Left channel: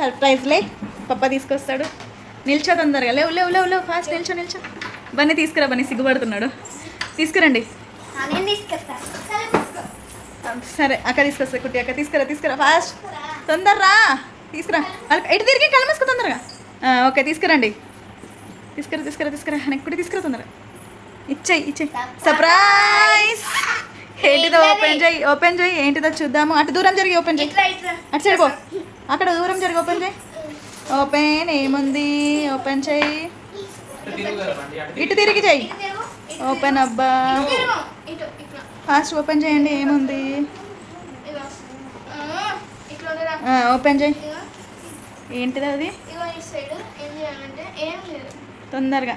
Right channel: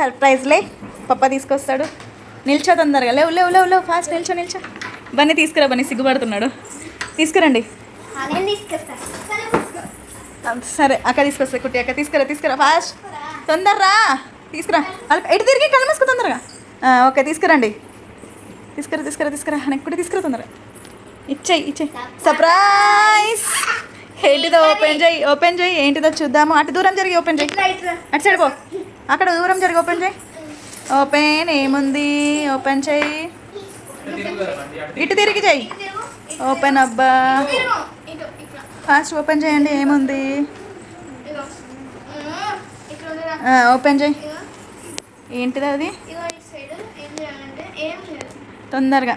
సర్ప్రైజ్లే పప్ప తీసుకొస్తాడు. నిల్చో తొందరగా, లేవు లేవు లేవు లేవు, ఫాస్ట్ నిల్చో. బన్నీ తీసుకురా, బన్నీ సిగ్గుపడుతున్నాడు. తీసుకురండి. సరే అక్క తీసుకొస్తా, కుట్టి అక్క తీసుకురా ఫాస్ట్, తొందరరా తీసుకురా. ఎటు తిరిగి కళ్ళు మూసుకో తొందరగా. ఓకే తీసుకురండి, తీసుకురా నెక్కుడి తీసుకురా తొందరగా. ఇచ్చేయి సర్ప్రైజ్. ఏంటిదో ఓపెన్ చేయి ఏంటిదో చూద్దాము. అటు దూరం జరిగి ఓపెన్ చేయి, అటు సైడ్ పో, అక్కడ దూరం జరిగి ఓపెన్ చేయి. ఓపెన్ ఏముంది, ఓపెన్ చేయి, ఇటు తిరిగి చేయి. ఓపెన్ అబ్బా, ఫాస్ట్ ఓపెన్ చేయండి. ఏముంది, ఓపెన్ చేయి. ఏంటిది అది, తొందరగా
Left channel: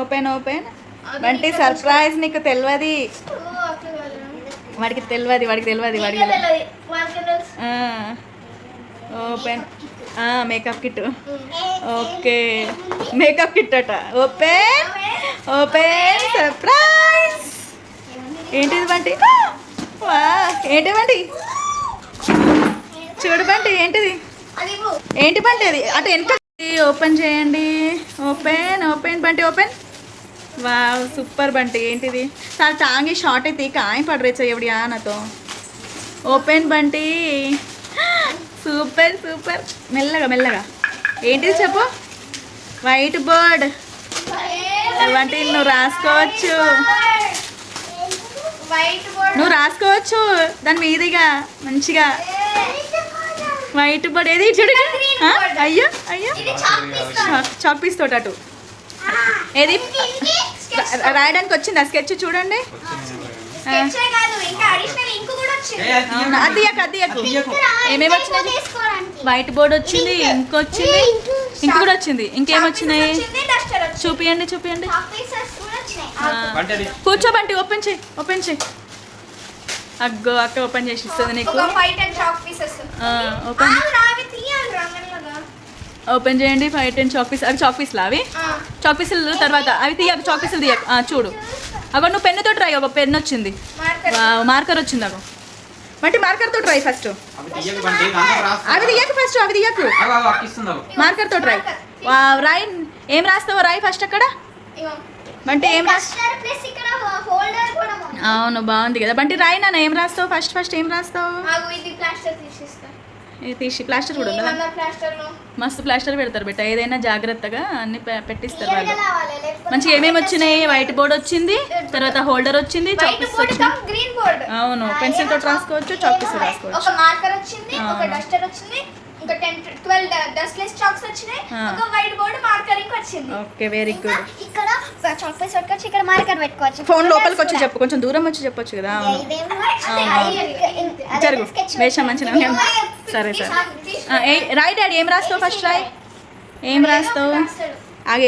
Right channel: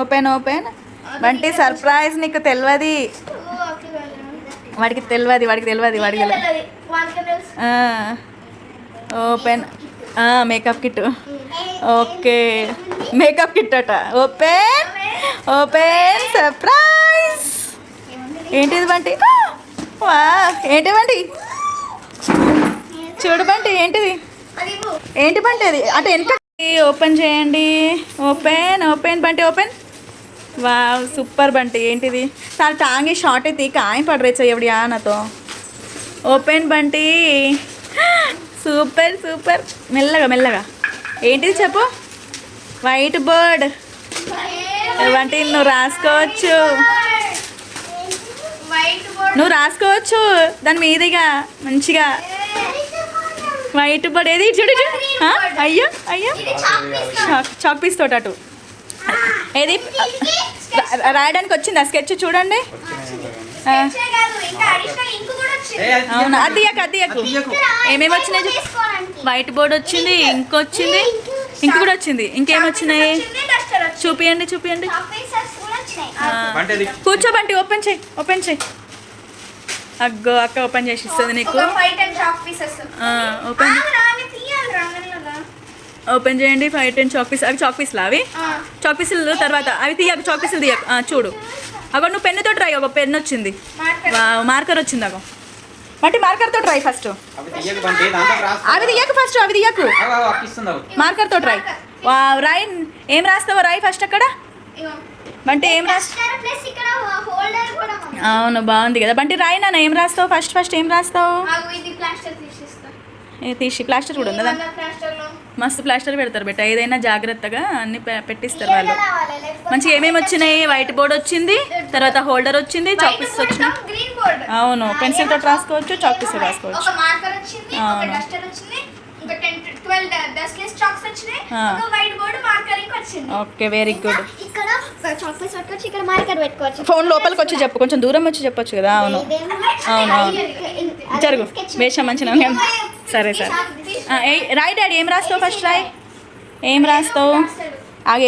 ఓపెన్. వంటి సర్ప్రైజ్ నీకు తెలియదు, వాడికి తెలియదు. Open makeup kit. Okay makeup kit అట. Open surprise. ఏంటిది బంటి, ఏంటి బంటి, చూడు బంటి ఏంటి బంటి అది, అటు వెనుక. ఓపెన్ చేయండి. Open Bunty open. Wow super Bunty. ఏంటిది, చాలా టాంగి షార్ట్ అయితే కాయ పడరేచ్చా ఎవడి నాతో. Open Bunty, super. మెల్లగా ఏంటిది చెప్పు. వైట్ బోర్డ్ బంటి, నువ్వు రాసుకోవచ్చు దాని మీదుగా మంచిగా. వైట్ బోర్డ్ ఏది చూడు. అయ్యో చాక్ పీస్ తోట అటు ఏది రాయడానికి వచ్చింది. ఆ స్కెచ్ చూడండి. అవునా, అది ఏమేమి వచ్చినాయి. వైట్ బోర్డ్ వచ్చింది, ఇంక కూడా వచ్చింది. ఇంకేమొచ్చినాయి చూపియండి. కూర్చోబంటి, ఓపెన్ చేయి. అగ్గో అక్క ఓపెన్ చేసి ఇస్తుంది నీకు. ఓపెన్ చేయండి. 5 10 చాక్ పీస్. అవి చాక్ పీస్లు, అవి చాక్ పీసులు తర్వాత అవి తీయకు, చాక్ పీసులు తీయకు. చూడు అగో, నువ్వు పెన్నుతో ట్రై. ఒక పెన్ వచ్చింది, మార్కర్ వచ్చింది. అగో బట్టి మార్కర్తో ట్రై ఫస్ట్. అవి తీయకు మార్కర్తో ట్రై. రాయి, ఏం రాస్తావో రాయి ఫస్ట్ అక్కడ. బంటి ఏం రాస్తావు. అవును బాగుంది కదా బంటి, రాయి నాన్న. ఏం రాస్తావు ఫస్ట్ ఏం రాస్తావు. తీసి ప్లాస్టర్ కూడా ఉందా. మస్తు ప్లాస్టర్ పెడతారు బెట్ట. ఏదైనా జాగ్రత్తగా అన్ని పెట్టిస్తారు వాళ్ళు. మంచిగా ఏమేమి వచ్చినాయి. వైట్ బోర్డ్ వచ్చింది, తర్వాత హోల్డర్ వచ్చింది, చాక్ పీస్ వచ్చినాయి. అవును పెన్సిల్ తోటి రాసుకోవచ్చు, చాక్ పీస్ రాసుకోవచ్చు. Okay very good. ఫోన్ లోపలికి వచ్చి చెప్పు, కొంచెం దూరం వచ్చి చెప్పొచ్చు కదా. అవును జరుగు వేషం మంచిగా. సరే రాయ్ డాడీ. ఏం రాస్తావు ఫస్ట్ రాయ్. ఏం రాస్తావు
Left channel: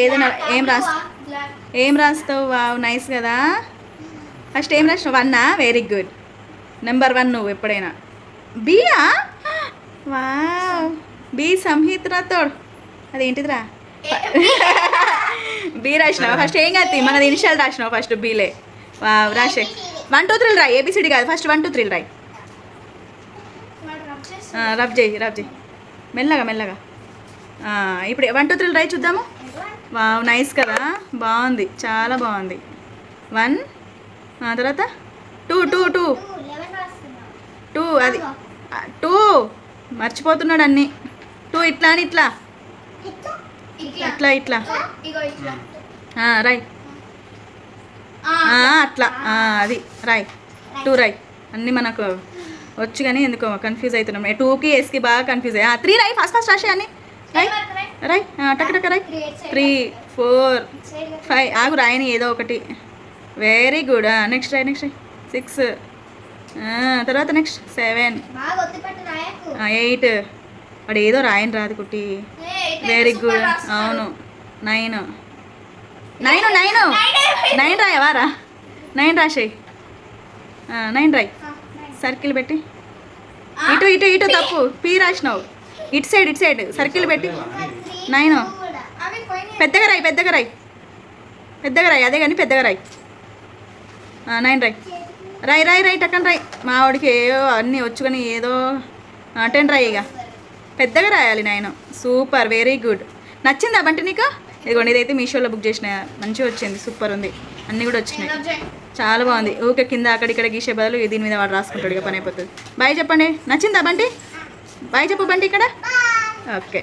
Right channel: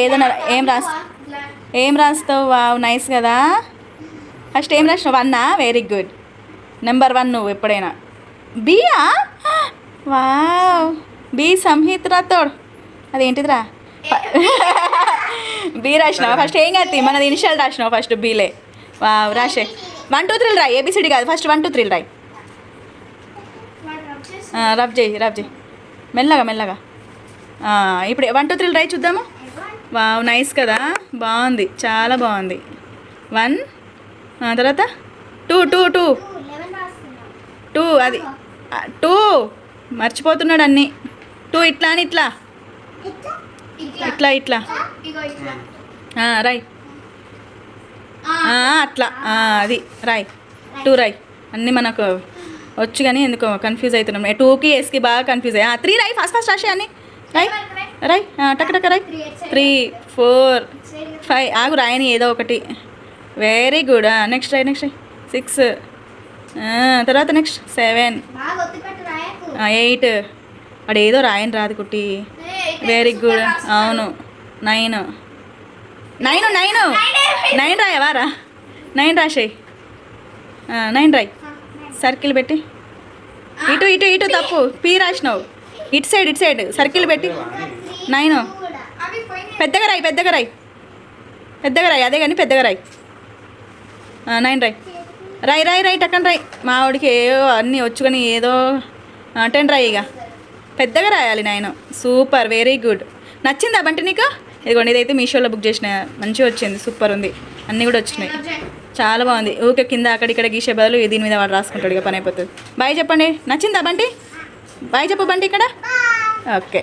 ఏదైనా ఏం రాస్తావు. వావ్ నైస్ కదా. ఫస్ట్ ఏం రాసినావు. 1 వెరీ గుడ్. నెంబర్ 1 నువ్వు ఎప్పుడైనా. బియా. Wow B Samhith Rathod. అదేంటిదిరా. బి రాసినావు ఫస్ట్. ఏం కాదు మనది ఇనిషియల్ రాసినావు ఫస్ట్. బీలే. వావ్ రాసే. 1 2 3 రాయి. ఏబిసిడి కాదు, ఫస్ట్ 1 2 3 రాయి. రబ్ చేయి మెల్లగా. ఇప్పుడు 1 2 3 రాయి చూద్దాము. వావ్ నైస్ కదా, బాగుంది, చాలా బాగుంది. 1 తర్వాత 2 2 2 2 అది 2 మర్చిపోతున్నాడు అన్నీ. 2 ఇట్లా అని ఇట్లా రాయ్. అట్లా అది రాయ్. 2 రాయ్. అన్నీ మనకు వచ్చు కానీ ఎందుకో కన్ఫ్యూజ్ అవుతున్నాం. 2కి ఎస్కి బాగా కన్ఫ్యూజ్ అయ్యా. 3 రాయ్. ఫాస్ట్ రాసే అని రాయ్. టక్ రాయ్. 3 4 5 ఆగు రాయని ఏదో ఒకటి. Very good. నెక్స్ట్ రాయ్. 6 తర్వాత నెక్స్ట్ 7 8 వాడు ఏదో రాయని రాదు కుట్టి. Very good. అవును 9 రాయవారా. 9 రాసేయి. 9 రాయ్. సర్కిల్ పెట్టి ఇటు తప్పు. పీ రాసినావు. ఇటు సైడ్ సర్కిల్ పెట్టి 9. పెద్దగా రాయ్. అదే కానీ పెద్దగా రాయ్. 9 రాయ్. రాయి రాయి రైట్ అక్కడ రాయి. మా వాడికి ఏవో అన్నీ వచ్చు కానీ ఏదో అటెండ్ రాయి ఇక పెద్దగా రాయాలి నేను. Super, very good. నచ్చిందా బంటి నీకు? ఇదిగోండి, ఇదైతే మీషోలో బుక్ చేసిన, మంచిగా వచ్చింది, సూపర్ ఉంది, అన్నీ కూడా వచ్చినాయి, చాలా బాగుంది. ఊకే కింద అక్కడిక్కడ గీసే బదులు దీని మీద వాడు రాసుకుంటాడు, ఇక పని అయిపోతుంది. బాయ్ చెప్పండి. నచ్చిందా బంటి? బాయ్ చెప్పు బంటి ఇక్కడ. ఓకే.